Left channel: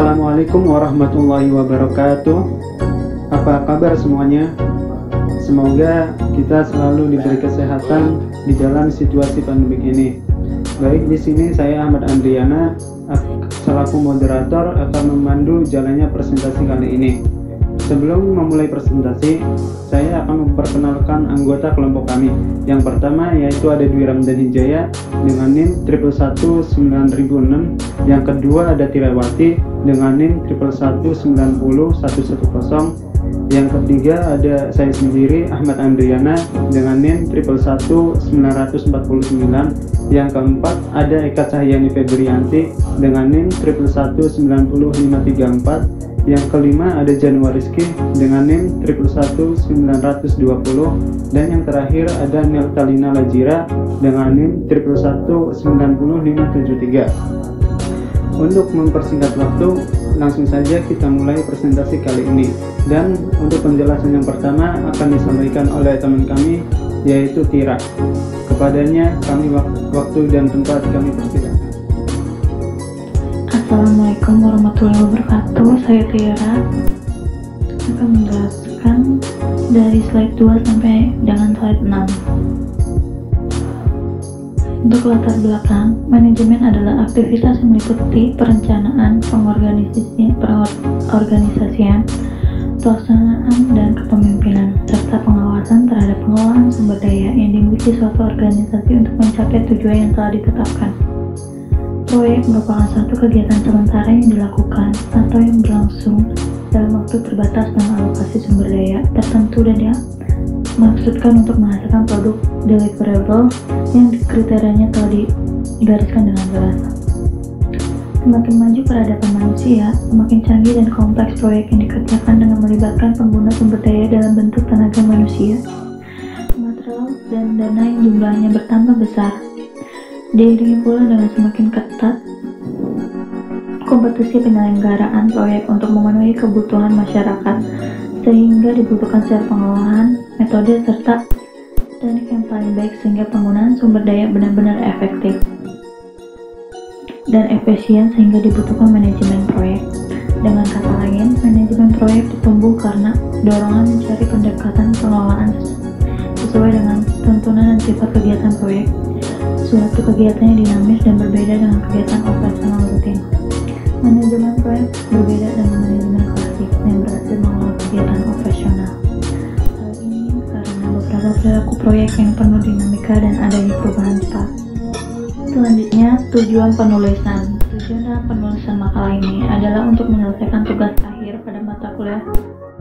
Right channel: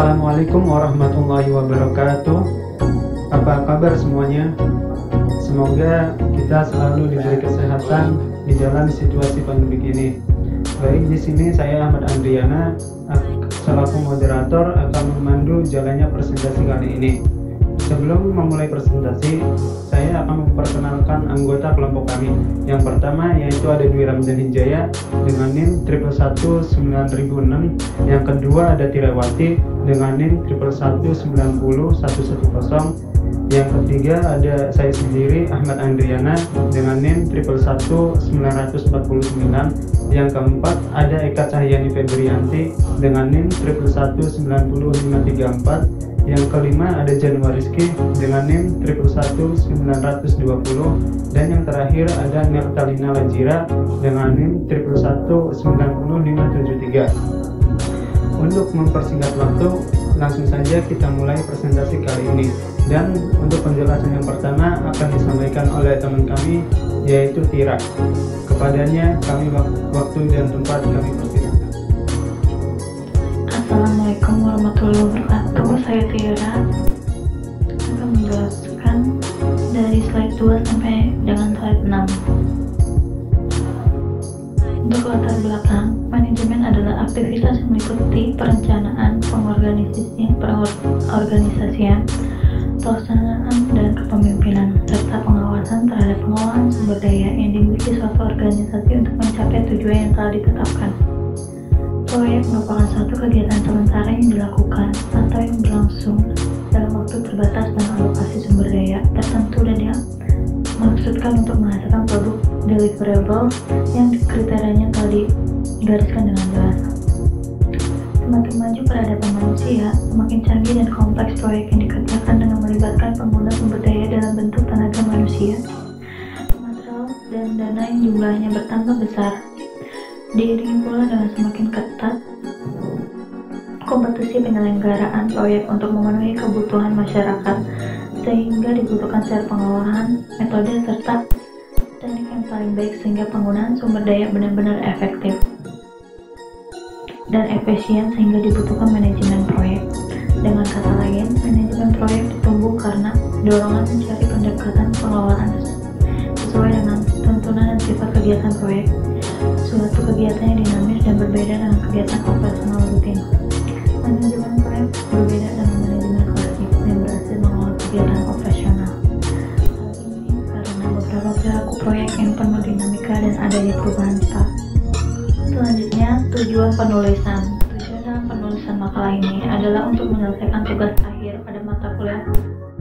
Assalamualaikum warahmatullahi wabarakatuh. Apa kabar semuanya? Semoga kita selalu diberi kesehatan di dalam situasi pandemik ini. Baik, di sini saya Ahmad Andriana selaku moderator akan memandu jalannya presentasi kali ini. Sebelum memulai presentasi, saya akan memperkenalkan anggota kelompok kami. Yang pertama yaitu ada Dwi Ramdan Hijaya dengan NIM 1119006. Yang kedua ada Tirawati dengan NIM 111901110. Yang ketiga ada saya sendiri Ahmad Andriana dengan NIM 11199. Yang keempat ada Eka Cahyani Febrianti dengan NIM 111900534. Yang kelima ada Januariski dengan NIM 1111920. Dan yang terakhir ada Neltalina Lajira dengan NIM 111900573. Untuk mempersingkat waktu, langsung saja kita mulai presentasi kali ini. Dan untuk penjelasan yang pertama akan disampaikan oleh teman kami, yaitu Tira. Kepadanya kami waktu dan tempat kami persilakan. Assalamualaikum warahmatullahi wabarakatuh. Saya Tira akan menjelaskan dari slide 2 sampai dengan slide 6. Untuk latar belakang, manajemen adalah aktivitas yang meliputi perencanaan, pengorganisasian, pelaksanaan, dan kepemimpinan, serta pengawasan terhadap pengelolaan sumber daya yang dimiliki suatu organisasi untuk mencapai tujuan yang telah ditetapkan. Proyek merupakan suatu kegiatan sementara yang dilakukan atau yang berlangsung dalam waktu terbatas dengan alokasi sumber daya tertentu dan dimaksudkan untuk menghasilkan produk deliverable yang kriterianya telah digariskan dengan jelas. Semakin maju peradaban manusia, semakin canggih dan kompleks proyek yang dikerjakan dengan melibatkan pengguna sumber daya dalam bentuk tenaga manusia, material, dan dana yang jumlahnya bertambah besar. Diiringi pula dengan semakin ketat kompetisi penyelenggaraan proyek untuk memenuhi kebutuhan masyarakat, sehingga dibutuhkan secara pengelolaan, metode, serta teknik yang paling baik sehingga penggunaan sumber daya benar-benar efektif dan efisien, sehingga dibutuhkan manajemen proyek. Dengan kata lain, manajemen proyek ditumbuh karena dorongan mencari pendekatan pengelolaan sesuai dengan tuntunan dan sifat kegiatan proyek. Suatu kegiatan yang dinamis dan berbeda dengan kegiatan operasional rutin. Manajemen proyek berbeda dengan manajemen klasik yang berhasil mengelola kegiatan operasional. Hal ini karena beberapa perilaku proyek yang penuh dinamika dan adanya perubahan cepat. Selanjutnya, tujuan penulisan. Tujuan dalam penulisan makalah ini adalah untuk menyelesaikan tugas akhir pada mata kuliah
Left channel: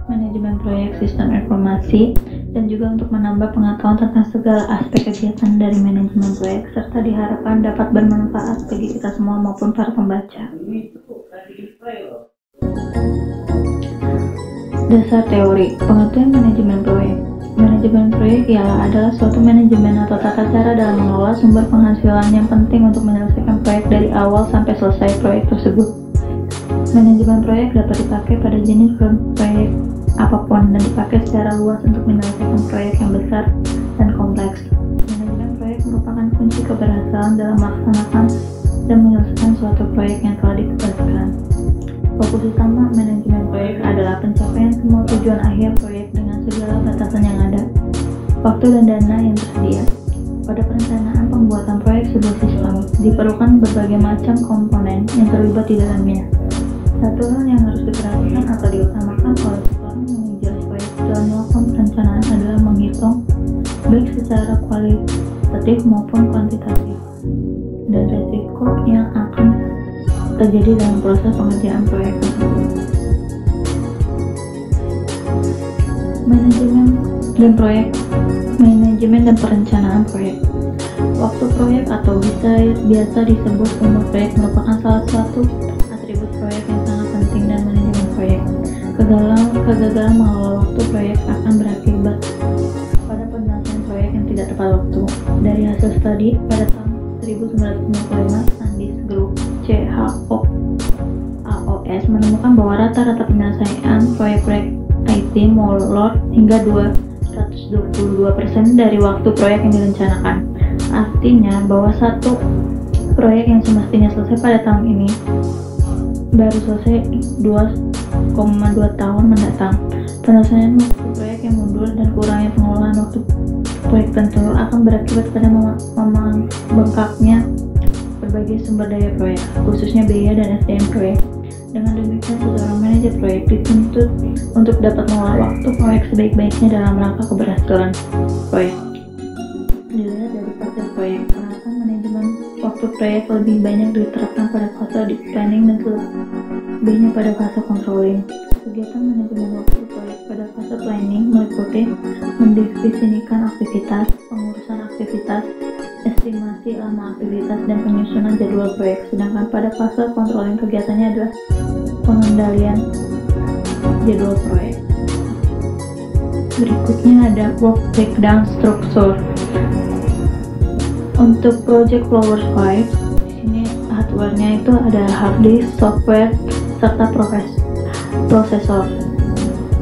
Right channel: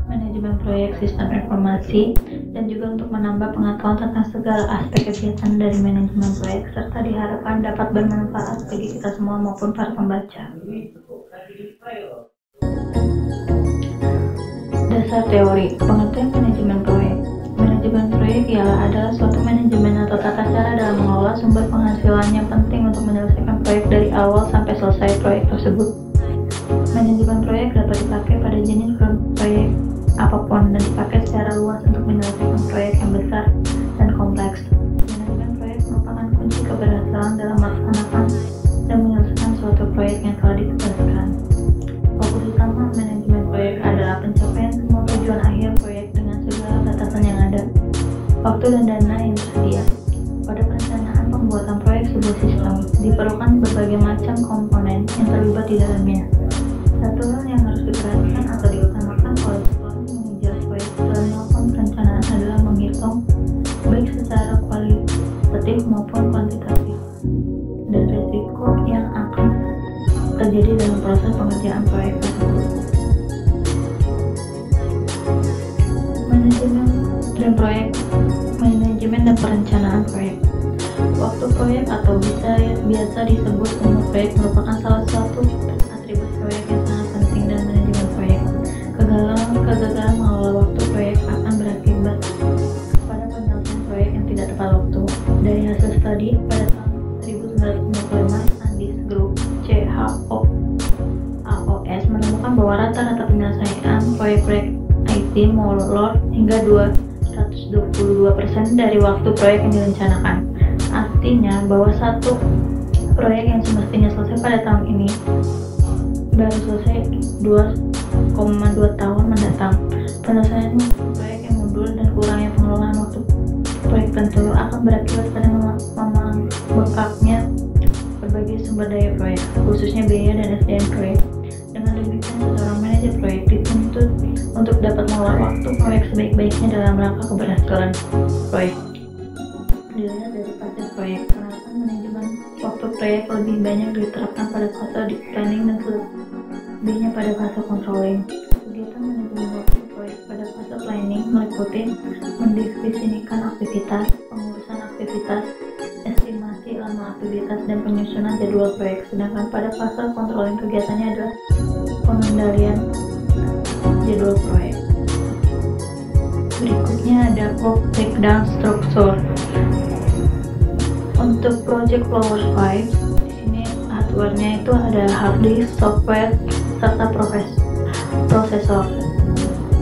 Manajemen Proyek Sistem Informasi, dan juga untuk menambah pengetahuan tentang segala aspek kegiatan dari manajemen proyek, serta diharapkan dapat bermanfaat bagi kita semua maupun para pembaca. Dasar teori pengertian manajemen proyek. Manajemen proyek adalah suatu manajemen atau tata cara dalam mengelola sumber penghasilan yang penting untuk menyelesaikan proyek dari awal sampai selesai proyek tersebut. Manajemen proyek dapat dipakai pada jenis proyek apapun dan dipakai secara luas untuk menyelesaikan proyek yang besar dan kompleks. Manajemen proyek merupakan kunci keberhasilan dalam melaksanakan dan menyelesaikan suatu proyek yang telah ditugaskan. Fokus utama manajemen proyek adalah pencapaian semua tujuan akhir proyek dengan segala batasan yang ada, waktu dan dana yang tersedia. Pada perencanaan pembuatan proyek sebuah sistem, diperlukan berbagai macam komponen yang terlibat di dalamnya. Satu hal yang harus diperhatikan atau diutamakan oleh seorang manajer proyek dalam melakukan perencanaan adalah menghitung baik secara kualitatif maupun kuantitatif dan risiko yang akan terjadi dalam proses pengerjaan proyek tersebut. Manajemen dan perencanaan proyek. Waktu proyek atau biasa disebut umur proyek merupakan salah satu atribut proyek yang sangat penting dan manajemen proyek. Kegagalan mengelola waktu proyek akan berakibat pada penyelesaian proyek yang tidak tepat waktu. Dari hasil studi pada tahun 1995, Sandis Group CHOAOS menemukan bahwa rata-rata penyelesaian proyek-proyek IT molor hingga 222% dari waktu proyek yang direncanakan. Artinya bahwa satu proyek yang semestinya selesai pada tahun ini baru selesai 2,2 tahun mendatang. Penyelesaian waktu proyek yang mundur dan kurangnya pengelolaan waktu proyek tentu akan berakibat pada membengkaknya berbagai sumber daya proyek, khususnya biaya dan SDM proyek. Dengan demikian, seseorang manajer proyek dituntut untuk dapat mengelola waktu proyek sebaik-baiknya dalam rangka keberhasilan proyek. Dilihat dari fase proyek, penerapan manajemen waktu proyek lebih banyak diterapkan pada fase di planning dan selebihnya pada fase controlling. Kegiatan manajemen waktu proyek pada fase planning meliputi mendefinisikan aktivitas, pengurusan aktivitas, estimasi lama aktivitas, dan penyusunan jadwal proyek. Sedangkan pada fase controlling kegiatannya adalah pengendalian jadwal proyek. Berikutnya ada work breakdown structure. Untuk project Flowers 5, di sini hardware-nya itu ada hard disk, software, serta prosesor.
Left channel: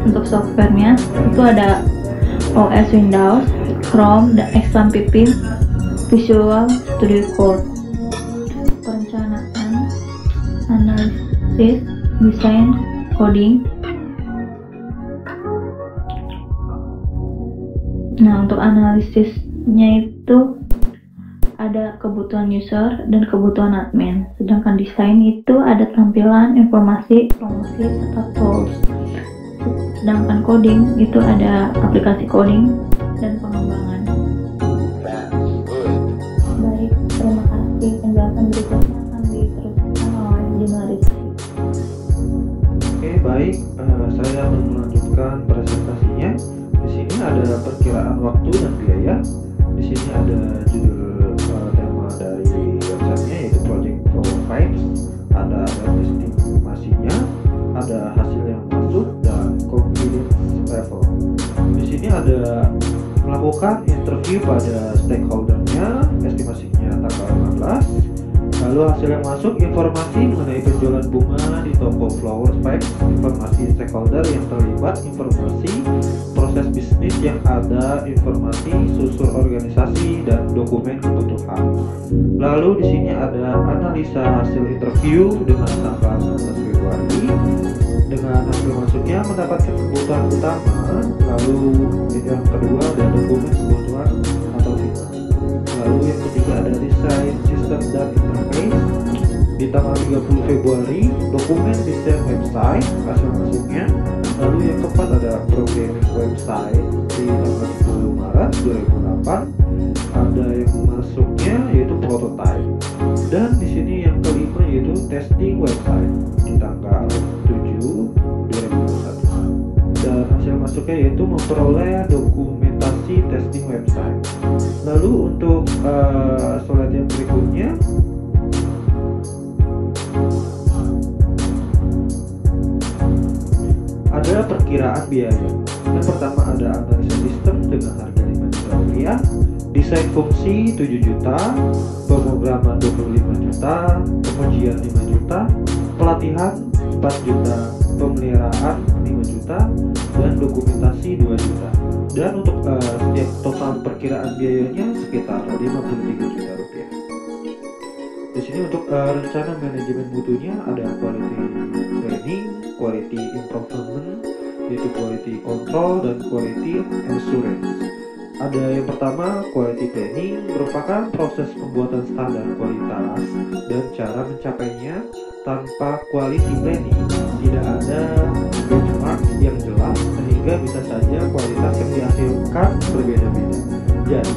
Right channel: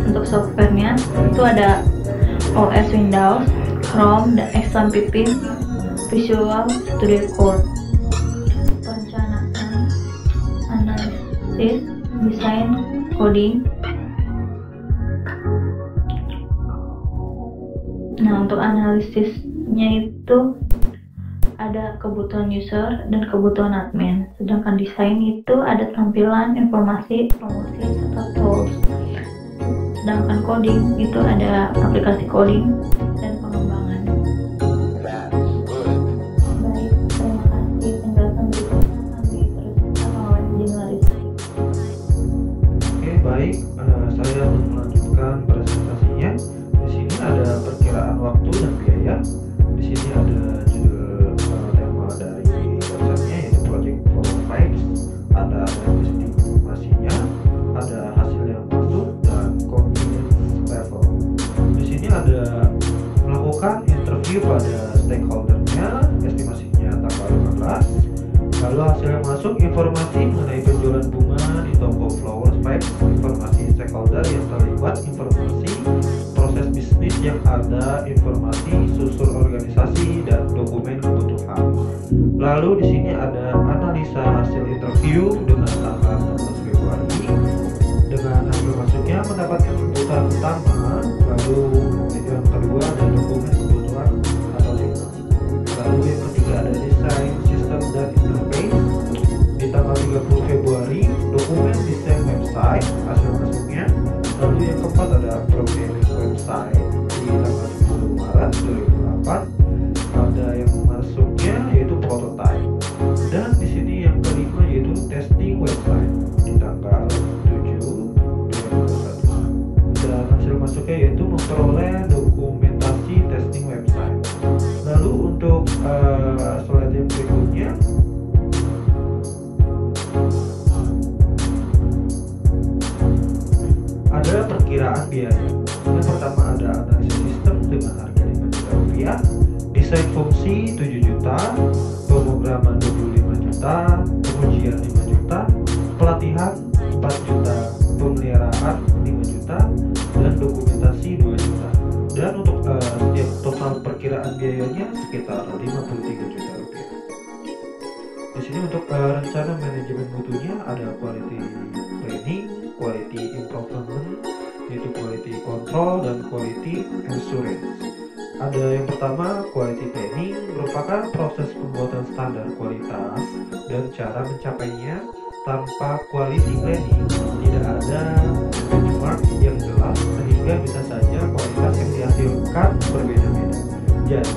Untuk software-nya itu ada OS Windows, Chrome, XAMPP, Visual Studio Code. Perencanaan, analisis, desain, coding. Nah, untuk analisisnya itu ada kebutuhan user dan kebutuhan admin. Sedangkan desain itu ada tampilan, informasi, promosi, serta tools. Sedangkan coding itu ada aplikasi coding dan pengembangan. Baik, terima kasih. Penjelasan berikutnya akan diteruskan oleh Januari. Oke, baik. Saya akan melanjutkan presentasinya. Di sini ada perkiraan waktu dan biaya. Di sini ada judul tema dari websitenya, yaitu Project Flower Pipes. Ada estimasinya, ada hasil yang masuk, dan confidence level. Di sini ada melakukan interview pada stakeholdernya, estimasinya tanggal 15. Lalu hasil yang masuk, informasi mengenai penjualan bunga di toko Flowers Pipes, informasi stakeholder yang terlibat, informasi proses bisnis yang ada, informasi susur organisasi, dan dokumen kebutuhan. Lalu di sini ada analisa hasil interview dengan tanggal 16 Februari. Dengan hasil masuknya mendapatkan kebutuhan utama, lalu yang kedua ada dokumen kebutuhan atau final. Lalu yang ketiga ada desain sistem dan interface. Di tanggal 30 Februari, dokumen desain website, hasil masuknya. Lalu yang keempat ada programming website di tanggal 10 Maret 2008. Ada yang masuknya yaitu prototype. Dan di sini yang kelima yaitu testing website di tanggal 7 2021. Dan hasil masuknya yaitu memperoleh dokumentasi testing website. Lalu untuk slide yang berikutnya ada perkiraan biaya. Yang pertama ada analisa sistem dengan harga 5 juta rupiah, desain fungsi 7 juta, pemrograman 25 juta, pengujian 5 juta, pelatihan 4 juta, pemeliharaan 5 juta, dan dokumentasi 2 juta. Dan untuk setiap total perkiraan biayanya sekitar 53 juta rupiah. Di sini untuk rencana manajemen mutunya ada quality planning, quality improvement, yaitu quality control, dan quality assurance. Ada yang pertama, quality planning merupakan proses pembuatan standar kualitas dan cara mencapainya. Tanpa quality planning tidak ada benchmark yang jelas, sehingga bisa saja kualitas yang dihasilkan berbeda-beda. Jadi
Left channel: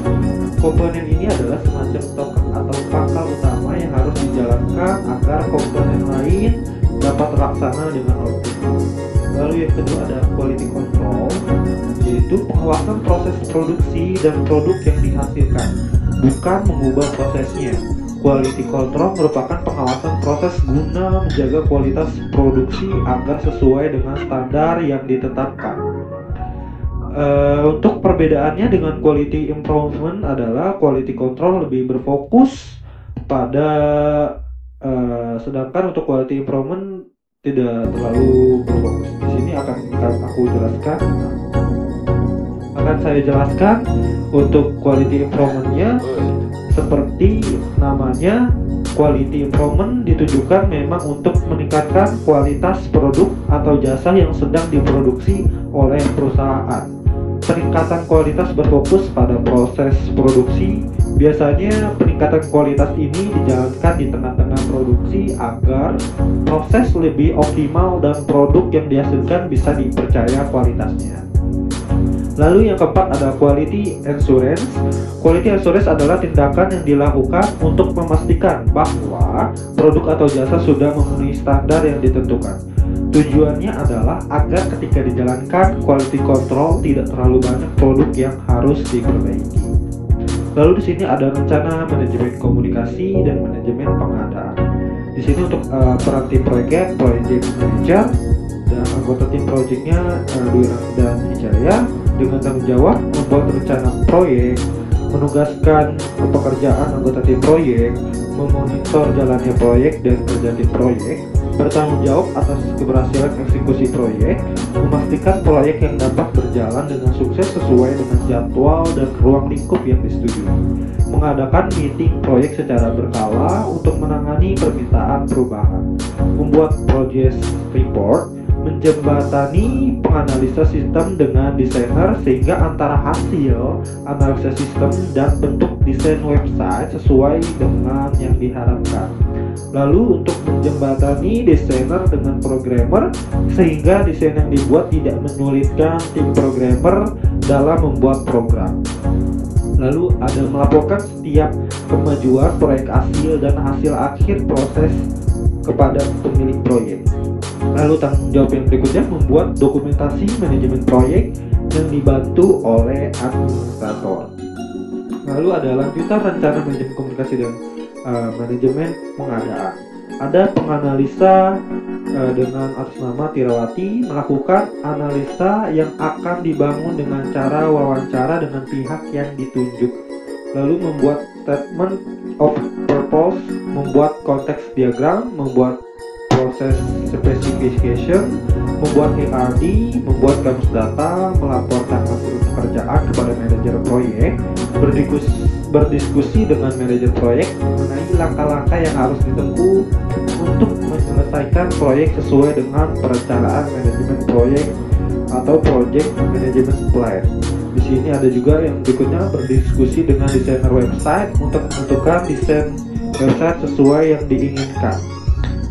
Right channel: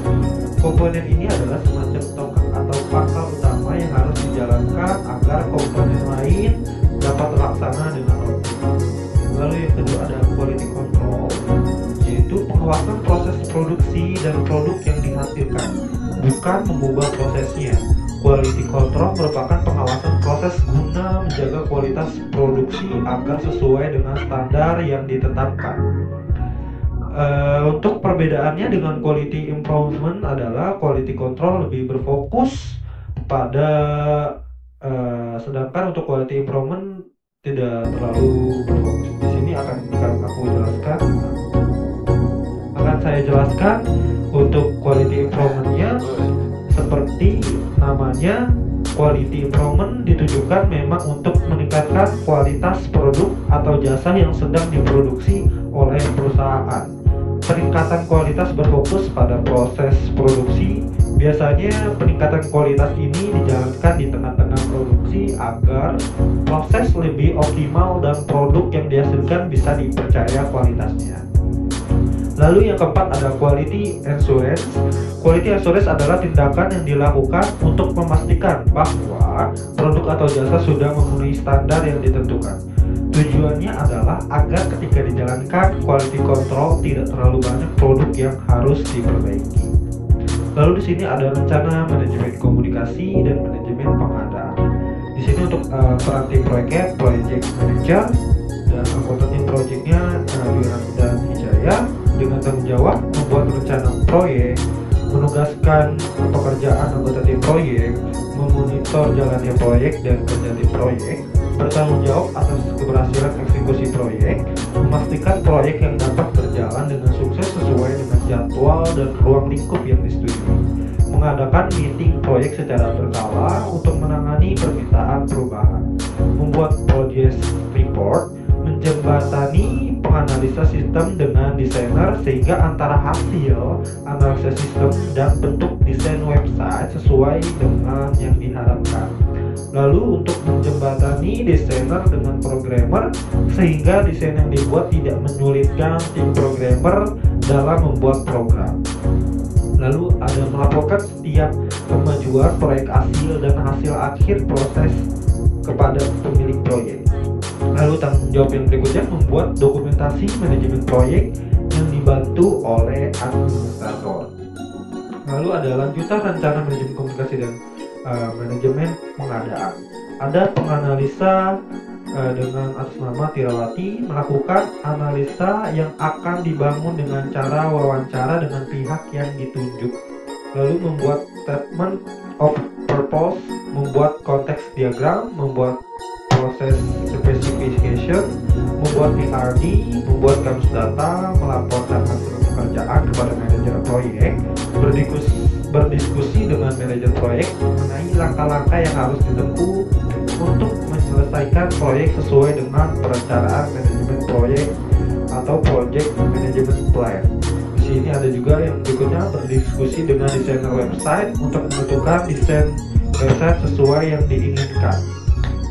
komponen ini adalah semacam tokak atau pangkal utama yang harus dijalankan agar komponen lain dapat terlaksana dengan optimal. Lalu yang kedua ada quality control, yaitu pengawasan proses produksi dan produk yang dihasilkan, bukan mengubah prosesnya. Quality control merupakan pengawasan proses guna menjaga kualitas produksi agar sesuai dengan standar yang ditetapkan. Untuk perbedaannya dengan quality improvement adalah quality control lebih berfokus pada sedangkan untuk quality improvement tidak terlalu berfokus. Di sini akan saya jelaskan untuk quality improvement-nya. Seperti namanya, quality improvement ditujukan memang untuk meningkatkan kualitas produk atau jasa yang sedang diproduksi oleh perusahaan. Peningkatan kualitas berfokus pada proses produksi. Biasanya peningkatan kualitas ini dijalankan di tengah-tengah produksi agar proses lebih optimal dan produk yang dihasilkan bisa dipercaya kualitasnya. Lalu yang keempat ada quality assurance. Quality assurance adalah tindakan yang dilakukan untuk memastikan bahwa produk atau jasa sudah memenuhi standar yang ditentukan. Tujuannya adalah agar ketika dijalankan quality control tidak terlalu banyak produk yang harus diperbaiki. Lalu di sini ada rencana manajemen komunikasi dan manajemen pengadaan. Di sini untuk peran tim proyeknya project manager dan anggota tim proyeknya Dwi Ramdan Hijaya dengan tanggung jawab membuat rencana proyek, menugaskan pekerjaan anggota tim proyek, memonitor jalannya proyek dan kerja tim proyek, bertanggung jawab atas keberhasilan eksekusi proyek, memastikan proyek yang dapat berjalan dengan sukses sesuai dengan jadwal dan ruang lingkup yang disetujui, mengadakan meeting proyek secara berkala untuk menangani permintaan perubahan, membuat project report, menjembatani penganalisa sistem dengan desainer sehingga antara hasil analisa sistem dan bentuk desain website sesuai dengan yang diharapkan. Lalu untuk menjembatani desainer dengan programmer sehingga desain yang dibuat tidak menyulitkan tim programmer dalam membuat program. Lalu ada melaporkan setiap kemajuan proyek hasil dan hasil akhir proses kepada pemilik proyek. Lalu tanggung jawab yang berikutnya membuat dokumentasi manajemen proyek yang dibantu oleh administrator. Lalu ada lanjutan rencana manajemen komunikasi dan manajemen pengadaan. Ada penganalisa dengan atas nama Tirawati melakukan analisa yang akan dibangun dengan cara wawancara dengan pihak yang ditunjuk. Lalu membuat statement of purpose, membuat konteks diagram, membuat proses specification, membuat ARD, membuat kamus data, melaporkan hasil pekerjaan kepada manajer proyek, berdiskusi dengan manajer proyek mengenai langkah-langkah yang harus ditempuh untuk menyelesaikan proyek sesuai dengan perencanaan manajemen proyek atau project management plan. Di sini ada juga yang berikutnya berdiskusi dengan desainer website untuk menentukan desain website sesuai yang diinginkan.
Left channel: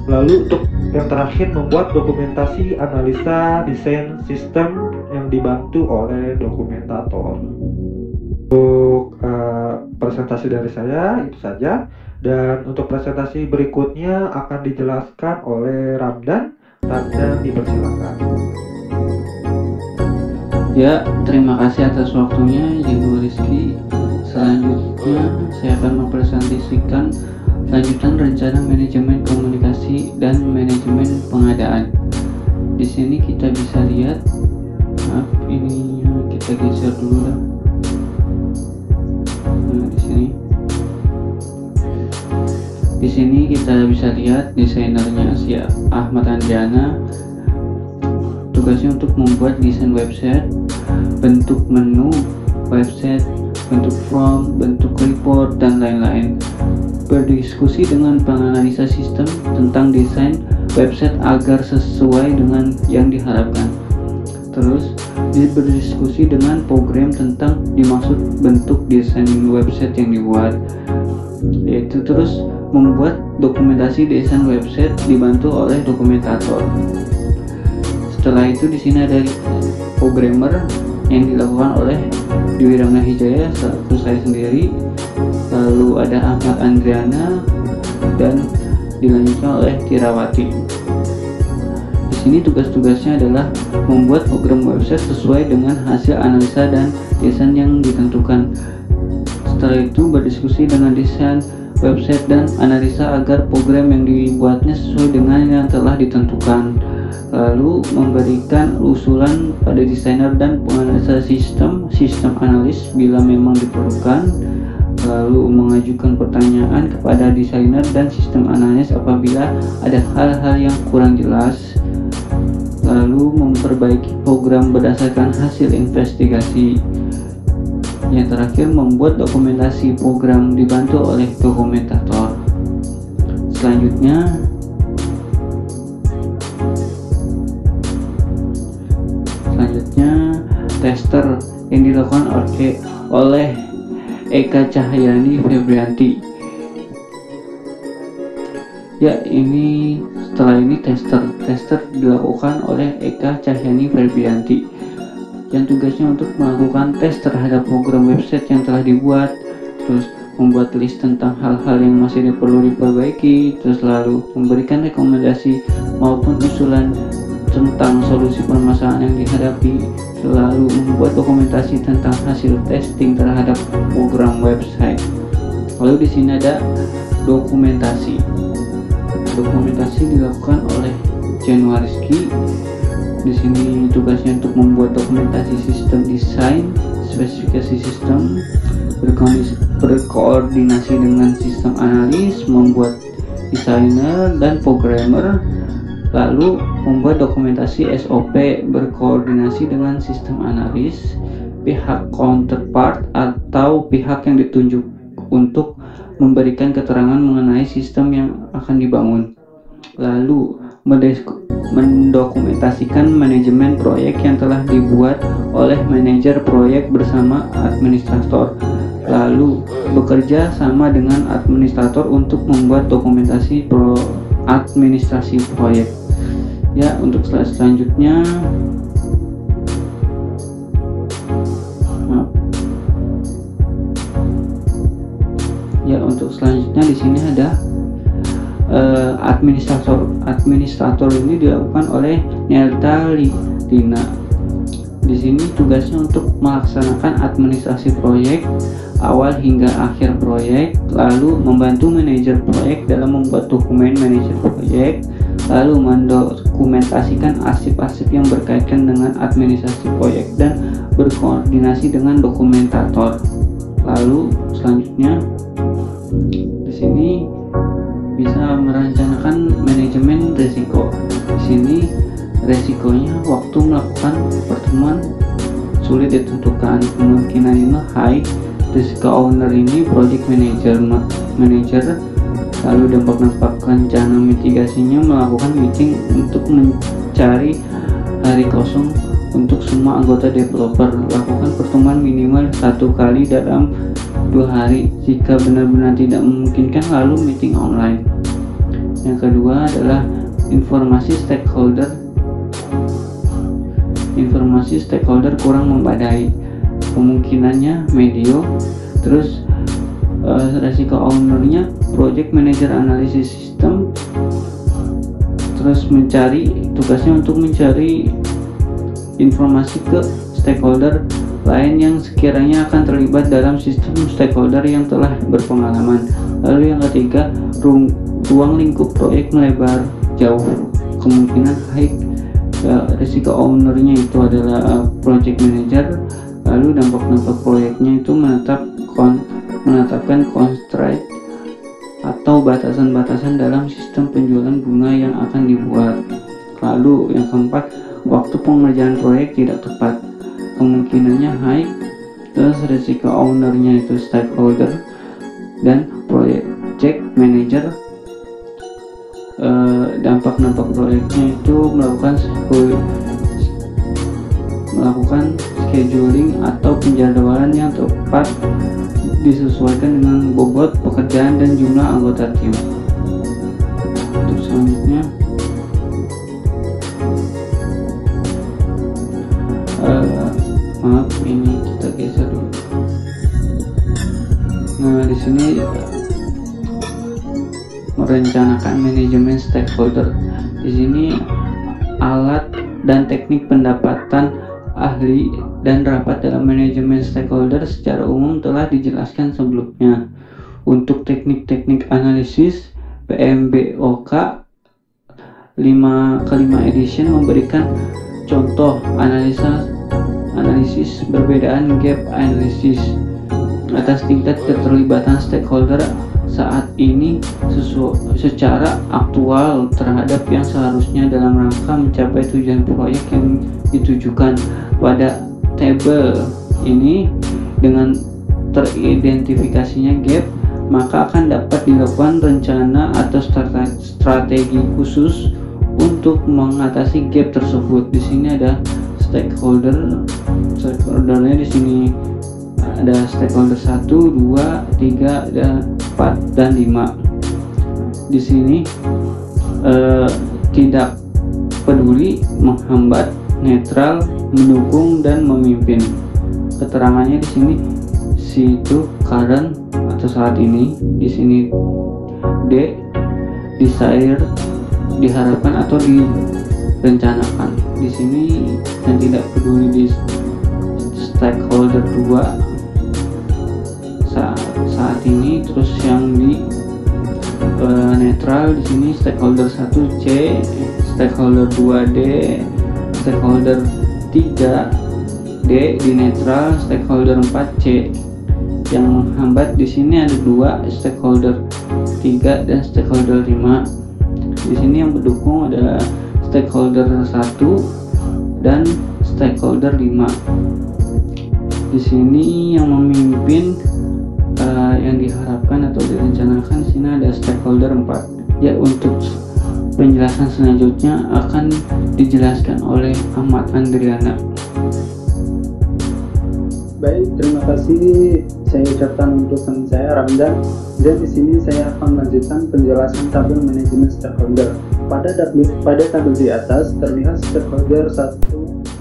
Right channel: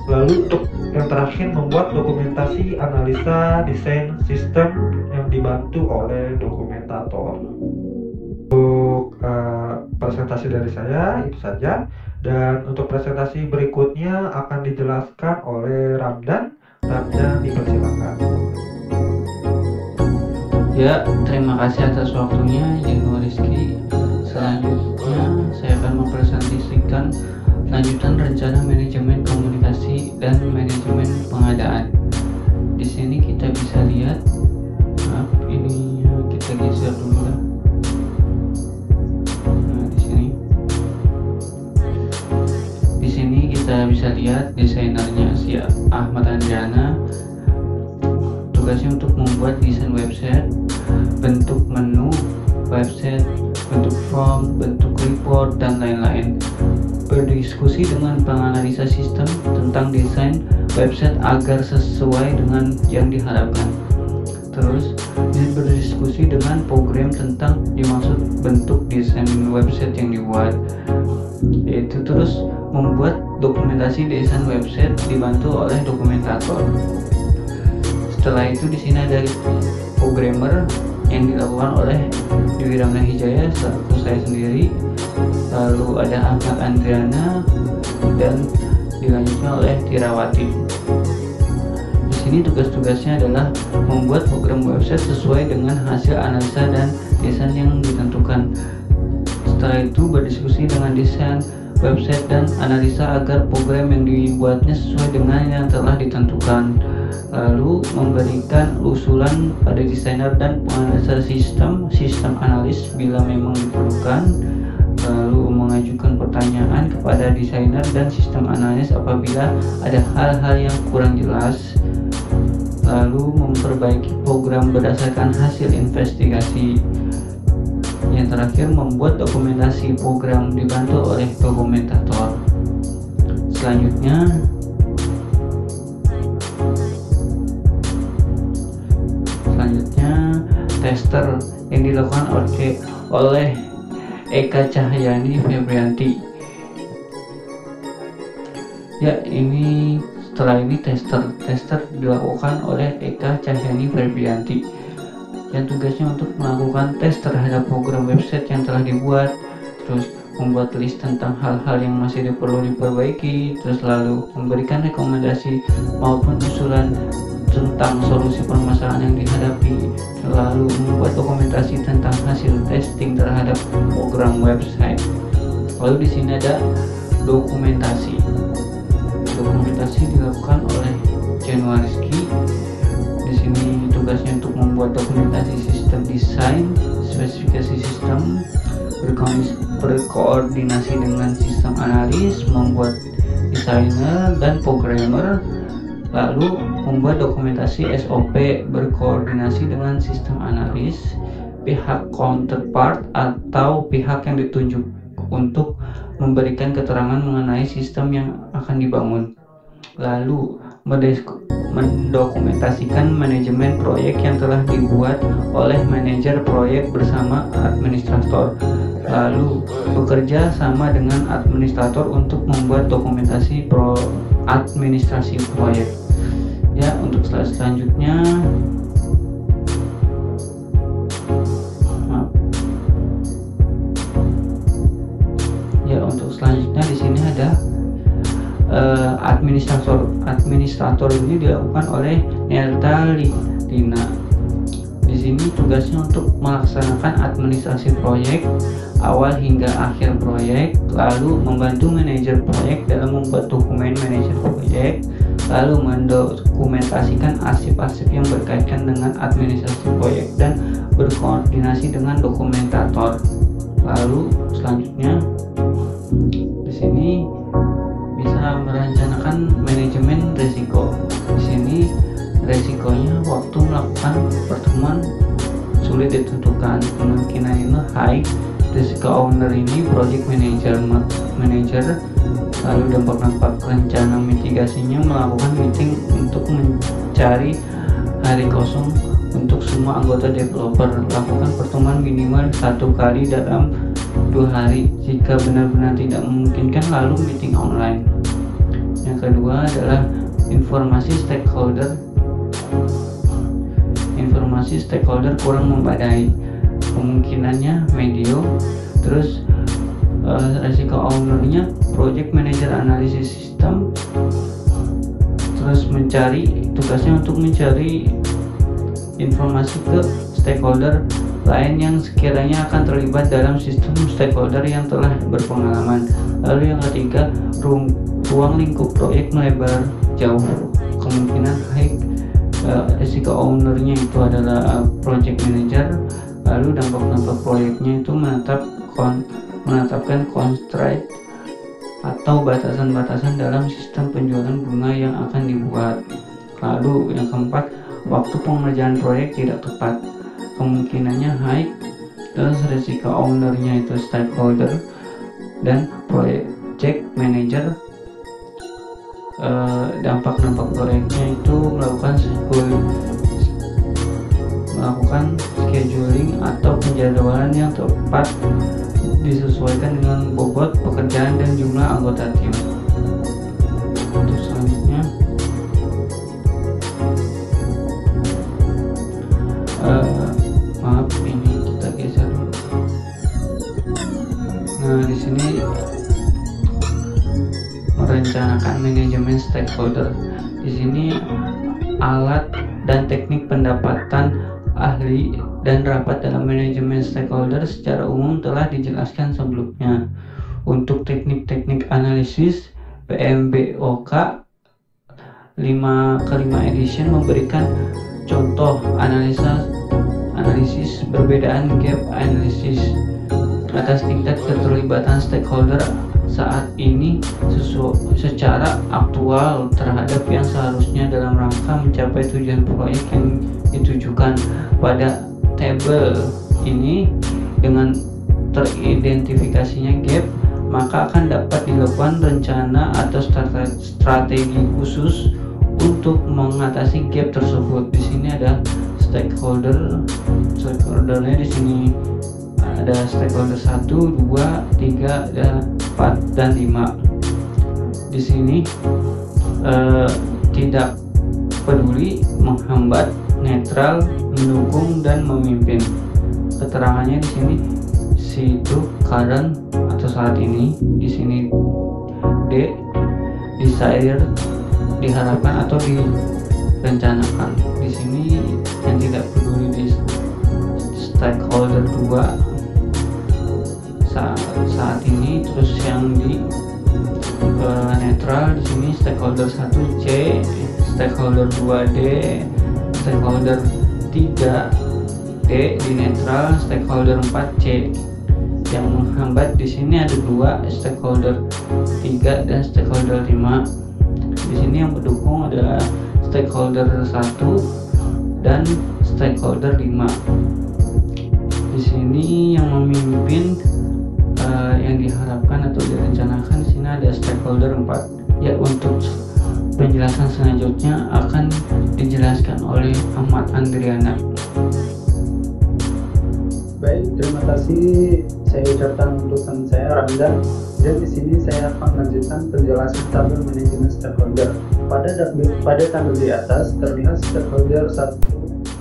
Lalu untuk yang terakhir membuat dokumentasi analisa desain sistem yang dibantu oleh dokumentator. Untuk presentasi dari saya itu saja, dan untuk presentasi berikutnya akan dijelaskan oleh Ramdan. Ramdan dipersilakan. Ya, terima kasih atas waktunya Januar Rizky. Selanjutnya saya akan mempresentasikan lanjutan rencana manajemen komunikasi dan manajemen pengadaan. Di sini kita bisa lihat, maaf ininya kita geser dulu dah. Nah, di sini kita bisa lihat desainernya si Ahmad Andriana. Tugasnya untuk membuat desain website, bentuk menu website, bentuk form, bentuk report dan lain-lain. Berdiskusi dengan penganalisa sistem tentang desain website agar sesuai dengan yang diharapkan. Terus berdiskusi dengan program tentang dimaksud bentuk desain website yang dibuat. Yaitu terus membuat dokumentasi desain website dibantu oleh dokumentator. Setelah itu di sini ada programmer yang dilakukan oleh Dwi Ramdan Hijaya selaku saya sendiri. Lalu ada Ahmad Andriana dan dilanjutkan oleh Tirawati. Di sini tugas-tugasnya adalah membuat program website sesuai dengan hasil analisa dan desain yang ditentukan. Setelah itu berdiskusi dengan desain website dan analisa agar program yang dibuatnya sesuai dengan yang telah ditentukan. Lalu memberikan usulan pada desainer dan penganalisa sistem analis bila memang diperlukan. Lalu mengajukan pertanyaan kepada desainer dan sistem analis apabila ada hal-hal yang kurang jelas. Lalu memperbaiki program berdasarkan hasil investigasi. Yang terakhir membuat dokumentasi program dibantu oleh dokumentator. selanjutnya tester yang dilakukan oleh Eka Cahyani Febrianti. Ya, ini setelah ini tester dilakukan oleh Eka Cahyani Febrianti yang tugasnya untuk melakukan tes terhadap program website yang telah dibuat, terus membuat list tentang hal-hal yang masih perlu diperbaiki, terus lalu memberikan rekomendasi maupun usulan tentang solusi permasalahan yang dihadapi, lalu membuat dokumentasi tentang hasil testing terhadap program website. Lalu di sini ada dokumentasi. Dokumentasi dilakukan oleh Januariski. Di sini tugasnya untuk membuat dokumentasi sistem desain, spesifikasi sistem, berkoordinasi dengan sistem analis, membuat desainer dan programmer, lalu membuat dokumentasi SOP, berkoordinasi dengan sistem analis, pihak counterpart atau pihak yang ditunjuk untuk memberikan keterangan mengenai sistem yang akan dibangun, lalu mendokumentasikan manajemen proyek yang telah dibuat oleh manajer proyek bersama administrator, lalu bekerja sama dengan administrator untuk membuat dokumentasi administrasi proyek. Ya, untuk slide selanjutnya di sini ada administrator ini dilakukan oleh Nelta Lina. Di sini tugasnya untuk melaksanakan administrasi proyek awal hingga akhir proyek, lalu membantu manajer proyek dalam membuat dokumen manajer proyek, lalu mendokumentasikan arsip-arsip yang berkaitan dengan administrasi proyek dan berkoordinasi dengan dokumentator. Lalu selanjutnya di sini bisa merencanakan manajemen risiko. Di sini resikonya waktu melakukan pertemuan sulit ditentukan, kemungkinan ini high. Risiko owner ini project manager, lalu dampak rencana mitigasinya melakukan meeting untuk mencari hari kosong untuk semua anggota developer, lakukan pertemuan minimal 1 kali dalam 2 hari, jika benar-benar tidak memungkinkan lalu meeting online. Yang kedua adalah informasi stakeholder kurang memadai, kemungkinannya medium. Terus resiko ownernya project manager analisis sistem, terus tugasnya untuk mencari informasi ke stakeholder lain yang sekiranya akan terlibat dalam sistem stakeholder yang telah berpengalaman. Lalu yang ketiga, ruang lingkup proyek melebar jauh, kemungkinan high. Risiko ownernya itu adalah project manager. Lalu dampak proyeknya itu menetapkan constraint atau batasan-batasan dalam sistem penjualan bunga yang akan dibuat. Lalu yang keempat, waktu pengerjaan proyek tidak tepat, kemungkinannya high. Terus risiko ownernya itu stakeholder dan project manager. Dampak proyeknya itu melakukan scheduling atau penjadwalan yang tepat disesuaikan dengan bobot pekerjaan dan jumlah anggota tim. Terus selanjutnya ini kita geser dulu. Nah, di sini merencanakan manajemen stakeholder. Di sini alat dan teknik pendapatan ahli dan rapat dalam manajemen stakeholder secara umum telah dijelaskan sebelumnya. Untuk teknik-teknik analisis, PMBOK 5 edition memberikan contoh analisis perbedaan gap analisis atas tingkat keterlibatan stakeholder saat ini secara aktual terhadap yang seharusnya dalam rangka mencapai tujuan proyek yang ditujukan. Pada tabel ini dengan teridentifikasinya gap maka akan dapat dilakukan rencana atau strategi khusus untuk mengatasi gap tersebut. Di sini ada stakeholdernya di sini ada stakeholder 1, 2, 3, ada 4 dan 5. Di sini tidak peduli, menghambat, netral, mendukung dan memimpin. Keterangannya di sini situ current atau saat ini, di sini D desire diharapkan atau direncanakan. Di sini yang tidak peduli di stakeholder 2 saat ini, terus yang di netral di sini stakeholder 1 C, stakeholder 2 D, stakeholder 3 D di netral, stakeholder 4 C. Yang menghambat di sini ada 2, stakeholder 3 dan stakeholder 5. Di sini yang mendukung adalah stakeholder 1 dan stakeholder 5. Di sini yang memimpin yang diharapkan atau direncanakan di sini ada stakeholder 4. Ya, untuk penjelasan selanjutnya akan dijelaskan oleh Ahmad Andriana. Baik, terima kasih saya ucapkan untuk teman saya Ramdan, dan di sini saya akan melanjutkan penjelasan tabel manajemen stakeholder. Pada tabel di atas terlihat stakeholder 1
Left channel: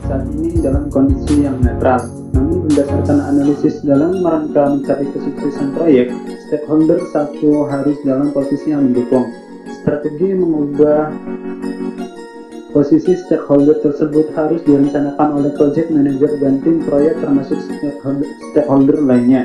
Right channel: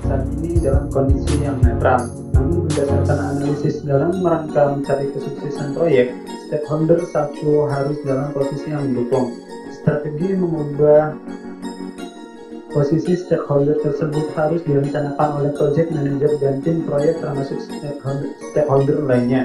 saat ini dalam kondisi yang netral. Namun berdasarkan analisis dalam rangka mencapai kesuksesan proyek, stakeholder 1 harus dalam posisi yang mendukung. Strategi mengubah posisi stakeholder tersebut harus direncanakan oleh project manager dan tim proyek termasuk stakeholder lainnya.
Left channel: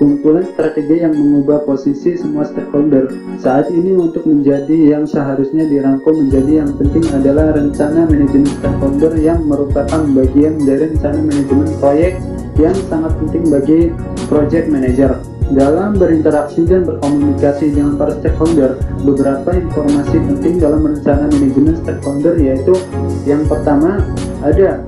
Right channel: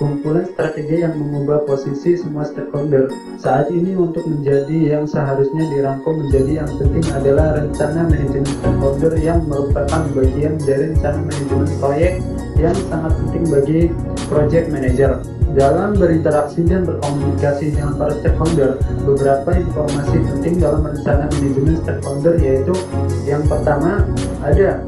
Kumpulan strategi yang mengubah posisi semua stakeholder saat ini untuk menjadi yang seharusnya dirangkum menjadi yang penting adalah rencana manajemen stakeholder yang merupakan bagian dari rencana manajemen proyek yang sangat penting bagi project manager. Dalam berinteraksi dan berkomunikasi dengan para stakeholder, beberapa informasi penting dalam rencana manajemen stakeholder yaitu yang pertama ada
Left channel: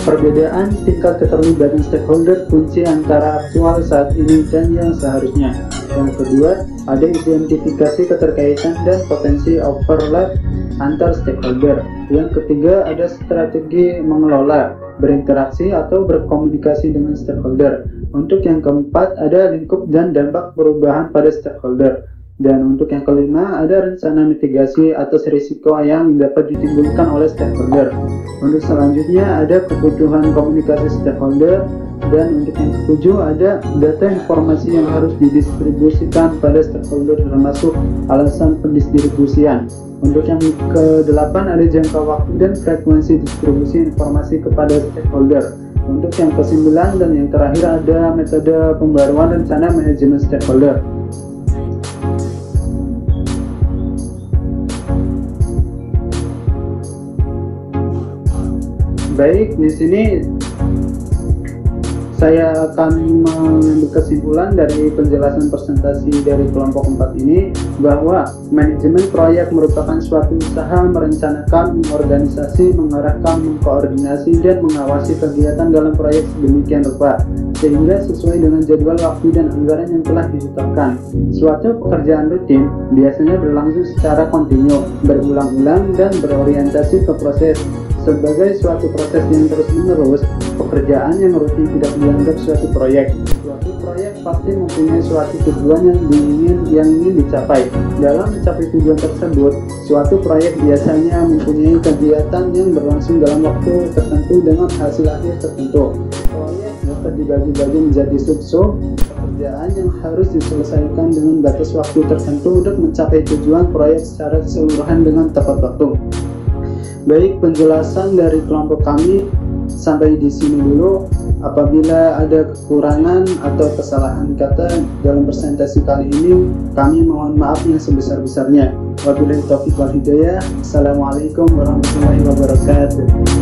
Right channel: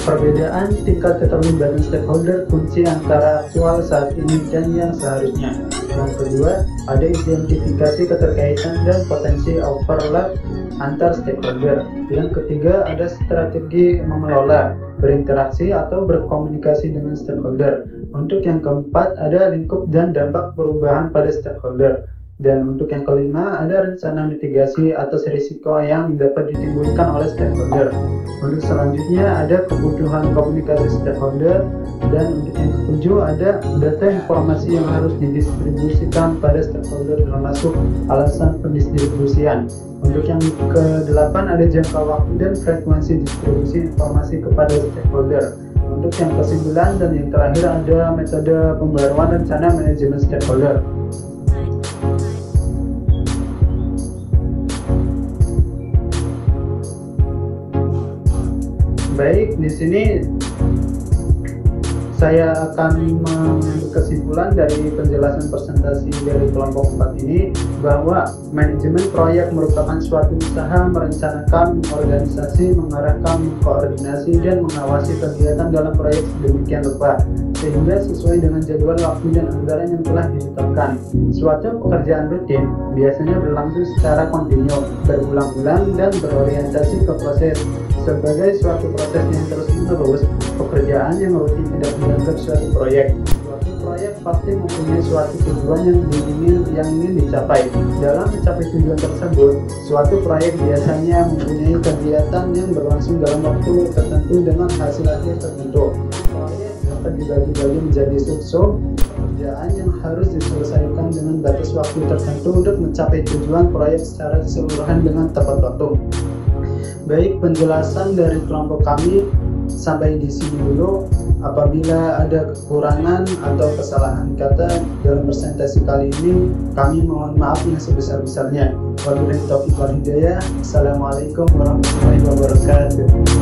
perbedaan tingkat keterlibatan stakeholder kunci antara aktual saat ini dan yang seharusnya. Yang kedua, ada identifikasi keterkaitan dan potensi overlap antar stakeholder. Yang ketiga, ada strategi mengelola, berinteraksi atau berkomunikasi dengan stakeholder. Untuk yang keempat, ada lingkup dan dampak perubahan pada stakeholder. Dan untuk yang kelima, ada rencana mitigasi atas risiko yang dapat ditimbulkan oleh stakeholder. Untuk selanjutnya, ada kebutuhan komunikasi stakeholder. Dan untuk yang ketujuh, ada data informasi yang harus didistribusikan pada stakeholder termasuk alasan pendistribusian. Untuk yang ke-8, ada jangka waktu dan frekuensi distribusi informasi kepada stakeholder. Untuk yang ke-9 dan yang terakhir ada metode pembaruan rencana manajemen stakeholder. Baik, di sini saya akan mengambil kesimpulan dari penjelasan presentasi dari kelompok 4 ini bahwa manajemen proyek merupakan suatu usaha merencanakan, mengorganisasi, mengarahkan, mengkoordinasi, dan mengawasi kegiatan dalam proyek sedemikian rupa sehingga sesuai dengan jadwal waktu dan anggaran yang telah ditetapkan. Suatu pekerjaan rutin biasanya berlangsung secara kontinu, berulang-ulang, dan berorientasi ke proses. Sebagai suatu proses yang terus-menerus, pekerjaan yang rutin tidak dianggap suatu proyek. Suatu proyek pasti mempunyai suatu tujuan yang ingin dicapai. Dalam mencapai tujuan tersebut, suatu proyek biasanya mempunyai kegiatan yang berlangsung dalam waktu tertentu dengan hasil akhir tertentu. Proyek dapat dibagi-bagi menjadi sub-sub pekerjaan yang harus diselesaikan dengan batas waktu tertentu untuk mencapai tujuan proyek secara keseluruhan dengan tepat waktu. Baik, penjelasan dari kelompok kami sampai di sini dulu. Apabila ada kekurangan atau kesalahan kata dalam presentasi kali ini, kami mohon maaf yang sebesar-besarnya. Wabillahi taufiq wal hidayah. Assalamualaikum warahmatullahi wabarakatuh.